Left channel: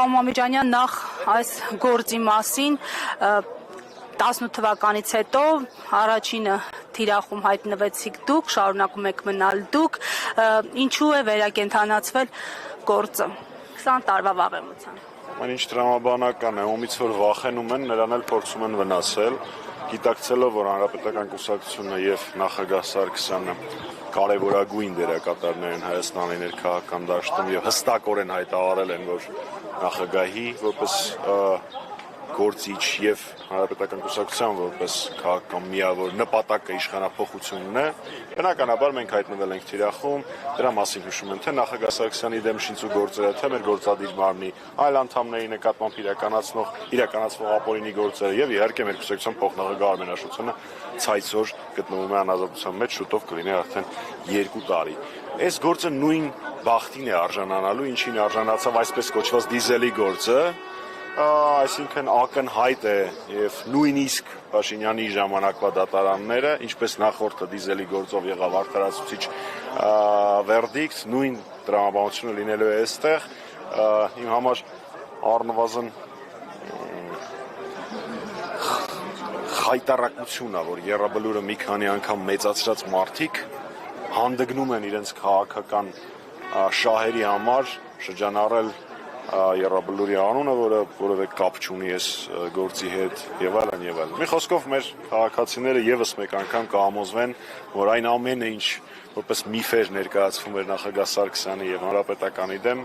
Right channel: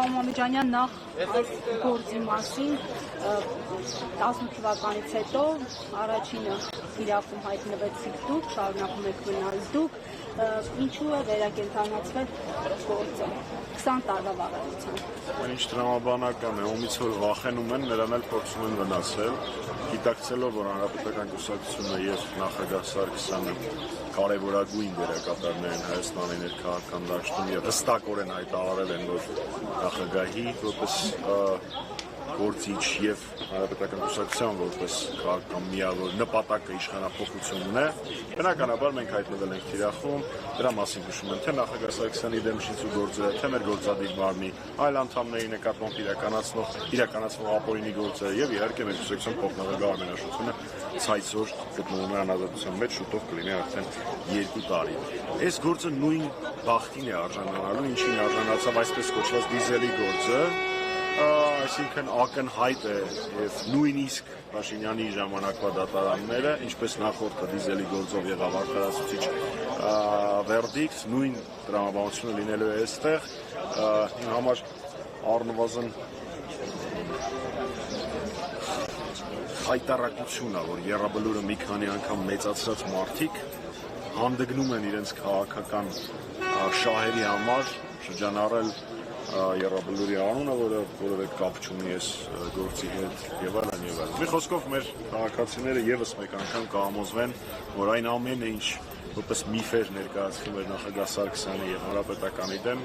Պարոն Մամեջանյան, նախ այս գործի մասին 18 թվականից հետո առաջինը թիրախում հայտնվեցիք դուք, շարունակում եք մնալ դուք, ինչու է վերակենդանացվել գործը 20 տարվա վավերությամբ։ Ինչ տրամաբանական է, ումից որ վախենում են, նրան էլ փորձում են վնասել, գիտակցելով, որ Հանրապետական կուսակցությունը եւ նախագահ Սարգսյանը կարևորագույն դերակատարներ են Հայաստանի ներքաղաքական դաշտում եւ հստակորեն հայտարարել են, որ նախագահի որպես գործիչ եւ Հանրապետական կուսակցության որպես քաղաքական միավոր նպատակը իշխանափոխությունն է, բնականաբար մենք հայտնվել ենք թիրախում, դրա մասին հուշում են թե նախագահ Սարգսյանի դեմ շինծու գործերը, թե մեր գործադիր մարմնի այլ անդամների նկատմամբ իրականացվող ապօրինի գործերը եւ իհարկե մեր կուսակցության փոխնախագահ Արմեն Աշոտյանը ցայսօր գտնվում է անազատության մեջ, շուտով կլինի արդեն 2 տարի։ Այս գործը նույն բախտին է արժանանալու, ինչին արժանացավ այսպես կոչված դիզելի գործը, այսինքն ակնհայտ է եւ նույնիսկ Փաշինյանի ժամանակվա դատարանները, ինչպես նախորդը դիզելի գործով եղավ անխրացուցիչ վերդիկտ, նույն տրամաբանությունը լինելու է այստեղ, իմ համար առնվազն խայտառակություն է, որ Եռաբլուրը մի քանի անգամ մեծացրած մարդիկ հանդգնում են իրենց քաղաքական շահերի համար շրջանառել Եռաբլուրի անունը, որը որևէ կապ չունի այս գործի հետ եւ այլն եւ այլն։ Մի խոսքով մեր քաղաքացիները եւս մեկ անգամ կհամոզվեն, որ այն ամենը, ինչ որպես միֆեր ներկայացվում էր նախագահ Սարգսյանի եւ Հանրապետականի դեմ,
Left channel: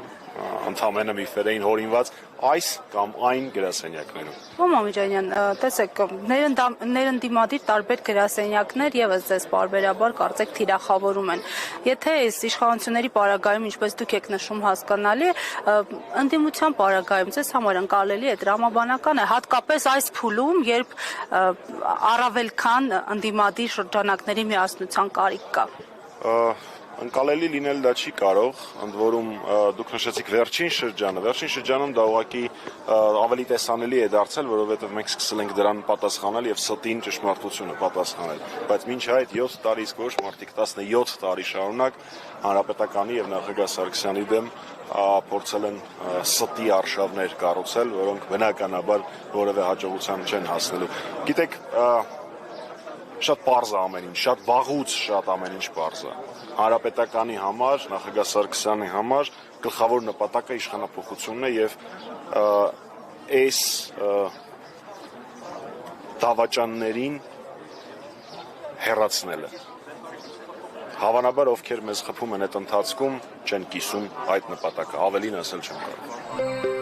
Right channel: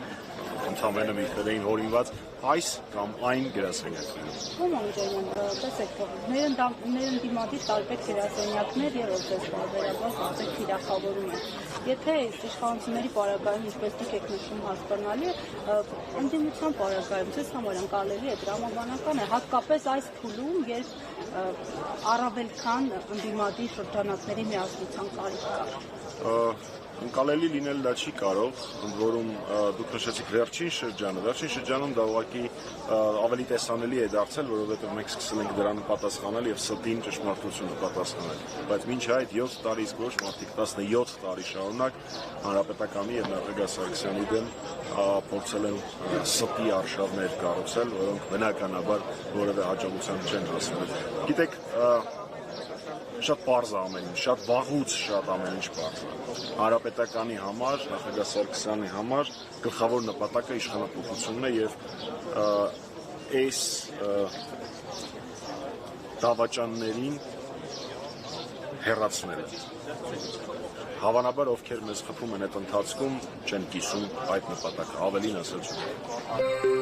ընդհանրապես միֆեր էին հորինված այս կամ այն գրասենյակներում։ Պարոն Մամեջանյան, տեսեք, ներընդդիմադիր տարբեր գրասենյակներ եւս ձեզ բարբերաբար կարծեք թիրախավորում են։ Եթե այս իշխանությունների պարագայում, ինչպես դուք եք նշում, հասկանալի, ընդդիմության պարագայում ձեզ համար ընկալելի է, տրամաբանական է, հատկապես այս փուլում, երբ առավել քան ընդդիմադիր շրջանակների միասնության կարիք կա։ Ընկալելի լինել դա չի կարող, ընդ որում դուք նշեցիք վերջին շրջանում դա ուղղակի ավելի տեսանելի է դարձել, որովհետև մենք սկսել ենք դրան պատասխանել եւ ստին ճշմարտությունը պատասխանել, բայց մինչ այդ 7 տարի իսկ ոչ մարդիկ 17 տարի շարունակ Հանրապետականի եւ նախագահ Սարգսյանի դեմ փորձել են ստի արշավներ կառուցել, որոնք բնականաբար որևէ հաջողության չեն հասնելու։ Գիտեք, շատ պարզ է ամեն ինչ, շատ վաղուց շատ ամեն ինչ պարզ է։ Հանրապետականի համար, նախագահ Սարգսյանի համար գլխավոր նպատակը իշխանափոխությունն է եւ այս դավաճաններին հեռացնելը։ Հավանաբար ովքեր մեզ խփում են այդ ընթացքում չեն կիսում այդ նպատակը, ավելին ասել չեմ կարող։